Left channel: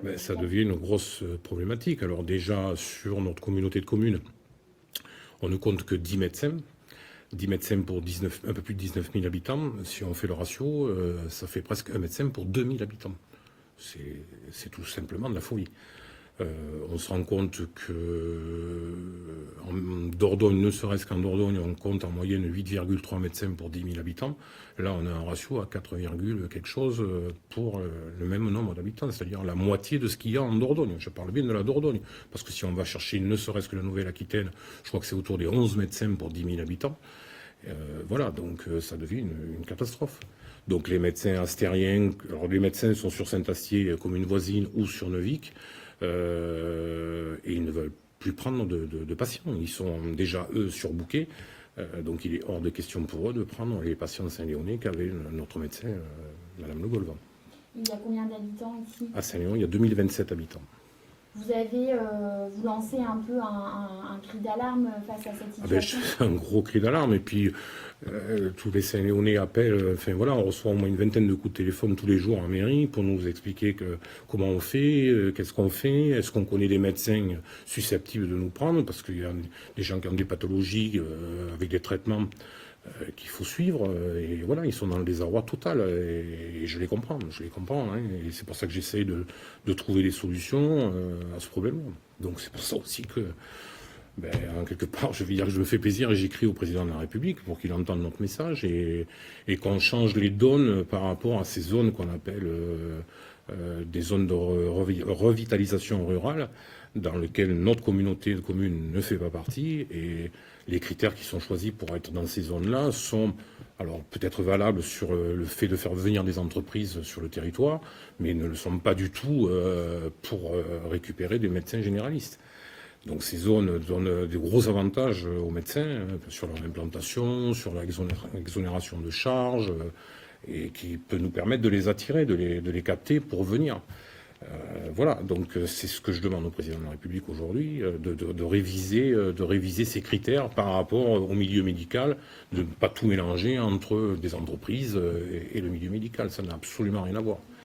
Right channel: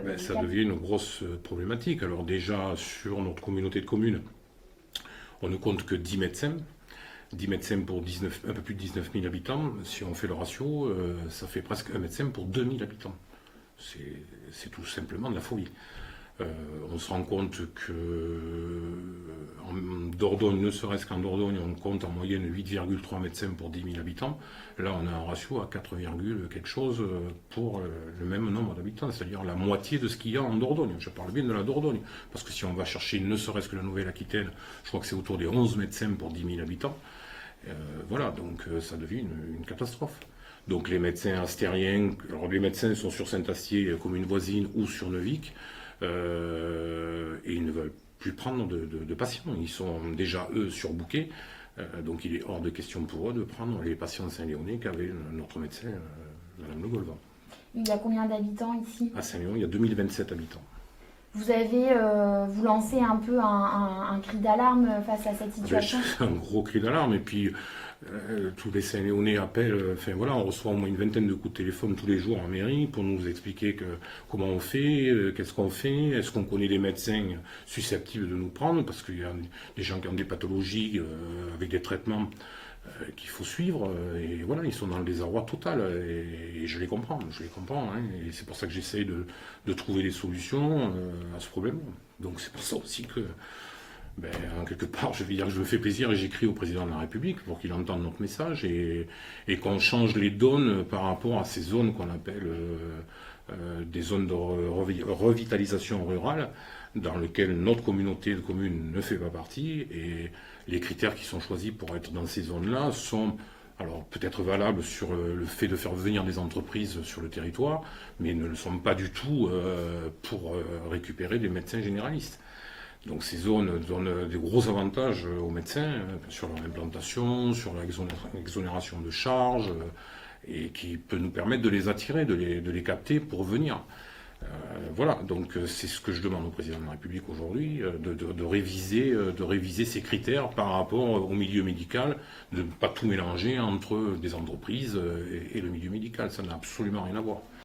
Ça médicale? devient une grosse problématique. Alors déjà, sur notre communauté de communes, on ne compte que 10 médecins. 10 médecins pour 19, un peu plus de 19 000 habitants. Si on fait le ratio, ça fait presque un médecin pour 2000 habitants. C'est tout simplement de la folie. On se rend compte en Dordogne, ne serait-ce qu'en Dordogne, on compte en moyenne 8,3 médecins pour 10 000 habitants. Là, on a un ratio à 4, quelque chose pour le même nombre d'habitants, c'est-à-dire la moitié de ce qu'il y a en Dordogne. Je parle bien de la Dordogne, parce que si on va chercher ne serait-ce que la Nouvelle-Aquitaine, je crois que c'est autour des 11 médecins pour 10 000 habitants. Voilà, donc ça devient une catastrophe. Donc les médecins astériens, alors les médecins sont sur Saint-Astier, commune voisine, ou sur Neuvic, et ils ne veulent plus prendre de patients. Ils sont déjà, eux, surbookés. Donc il est hors de question pour eux de prendre les patients de Saint-Léonais qu'avait notre médecin, Madame Le Golvan. Il y a combien d'habitants ici? À Saint-Léon, il y a 2027 habitants. Vous avez, vous lancez un peu un cri d'alarme face à cette situation? C'est un gros cri d'alarme. Et puis, tous les Saint-Léonais appellent. Enfin voilà, on reçoit au moins une vingtaine de coups de téléphone tous les jours en mairie pour nous expliquer comment on fait, qu'est-ce qu'on fait, est-ce qu'on connaît des médecins susceptibles de nous prendre, parce qu'il y a des gens qui ont des pathologies avec des traitements qu'il faut suivre. Et voilà, ils sont dans le désarroi total. Et je les comprends, hein, et c'est pour ça que j'essaie de trouver des solutions à ce problème. Donc c'est pour ça aussi que en quelque part, je vais dire que je me fais plaisir et j'écris au président de la République pour qu'il entende notre message et qu'on change les donnes par rapport à ces zones qu'on appelle des zones de revitalisation rurale, dans lesquelles notre communauté de communes ne fait pas partie. Et les critères qui sont choisis pour être dans ces zones-là sont alors peut-être valables sur le fait de faire venir des entreprises sur le territoire, mais ne le sont pas du tout pour récupérer des médecins généralistes. Donc ces zones donnent des gros avantages aux médecins sur leur implantation, sur l'exonération de charges, et qui peut nous permettre de les attirer, de les capter pour venir. Voilà, donc c'est ce que je demande au président de la République aujourd'hui, de réviser ces critères par rapport au milieu médical, de ne pas tout mélanger entre des entreprises et le milieu médical. Ça n'a absolument rien à voir.